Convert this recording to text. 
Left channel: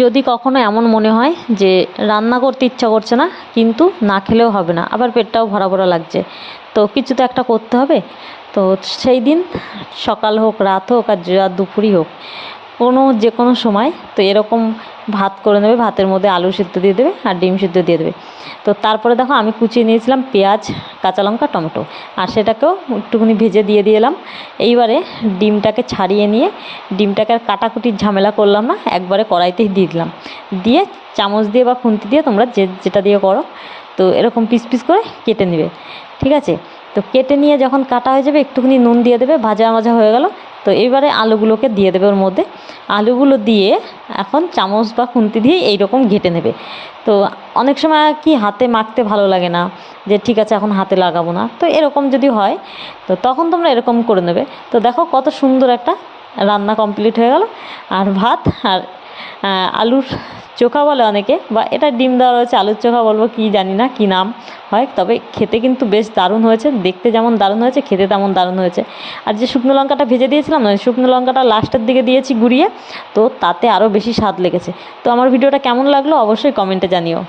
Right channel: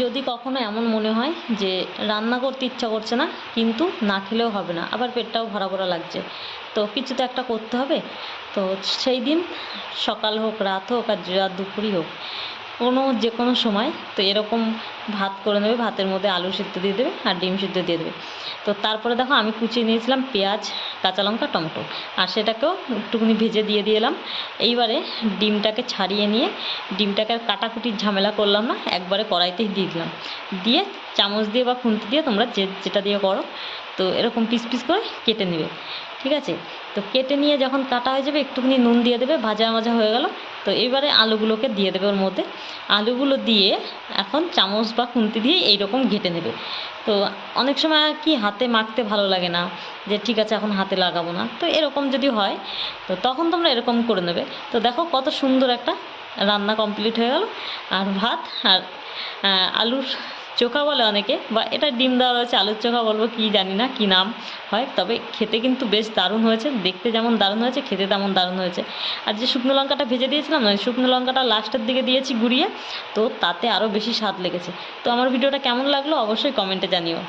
যদি কখনো এমন মনে হয় যে রান্না করতে ইচ্ছা করছে না, কিন্তু না খেলেও হবে না, আবার পেটটাও ভরা ভরা লাগছে, তো কিছু তো একটা করতে হবে। তো সেই দিন সকাল হোক, রাত হোক, আর দুপুরই হোক, যে কোনো সময় তো এরকম ভাত করে নেবে। ভাতের মধ্যে আলু সিদ্ধ দিয়ে দেবে আর ডিম সিদ্ধ দিয়ে দেবে। তো তারপরে দেখো আমি কুচিয়ে নিয়েছিলাম পেঁয়াজ, কাঁচা লঙ্কা, টমেটো, আর সেটাকেও একটুখানি ভেজে দিয়ে দিলাম। এইবারে ডিমটাকে ছাড়িয়ে নিয়ে ডিমটাকে আর কাটাকুটির ঝামেলা করলাম না, একবারে কড়াইতেই দিয়ে দিলাম। দিয়ে চামচ দিয়ে বা খুন্তি দিয়ে তোমরা যেটা দিয়ে করো, তো এরকম পিস পিস করে কেটে নেবে। ঠিক আছে? তো কেটে নিয়ে যখন কাটা হয়ে যাবে একটুখানি নুন দিয়ে দেবে, ভাজা ভাজা হয়ে গেল। তো এবারে আলুগুলোকে দিয়ে দেবে ওর মধ্যে। আলুগুলো দিয়ে এখন চামচ বা খুন্তি দিয়ে এইরকম ঘেঁটে নেবে। তো অনেক সময় কি হাতে মাখতে ভালো লাগে না, যে ঠিক আছে এখন হাতে লাগাবো না, তো এরকম যদি হয় তো তখন তোমরা এরকম করে নেবে। তো দেখো কত সুন্দর একটা রান্না কমপ্লিট হয়ে গেল। আর ভাত আর আলুর চোখা বলে অনেকে, বা এটা ডিম দেওয়া রয়েছে, আলুর চোখা বলবো কি জানি না কী নাম হয়, তবে খেতে কিন্তু বেশ দারুণ হয়েছে। দেখতে যেমন দারুণ হয়েছে, খেতে তেমন দারুণ হয়েছে। আর যে শুকনো লঙ্কাটা ভেজে দিয়েছিলাম না, ওই শুকনো লঙ্কাটা লাস্টের দিকে দিয়েছি গুঁড়িয়ে, তো তাতে আরও বেশি স্বাদ লেগেছে। তো আমার ভিডিওটা কেমন লাগলো অবশ্যই কমেন্টে জানিও।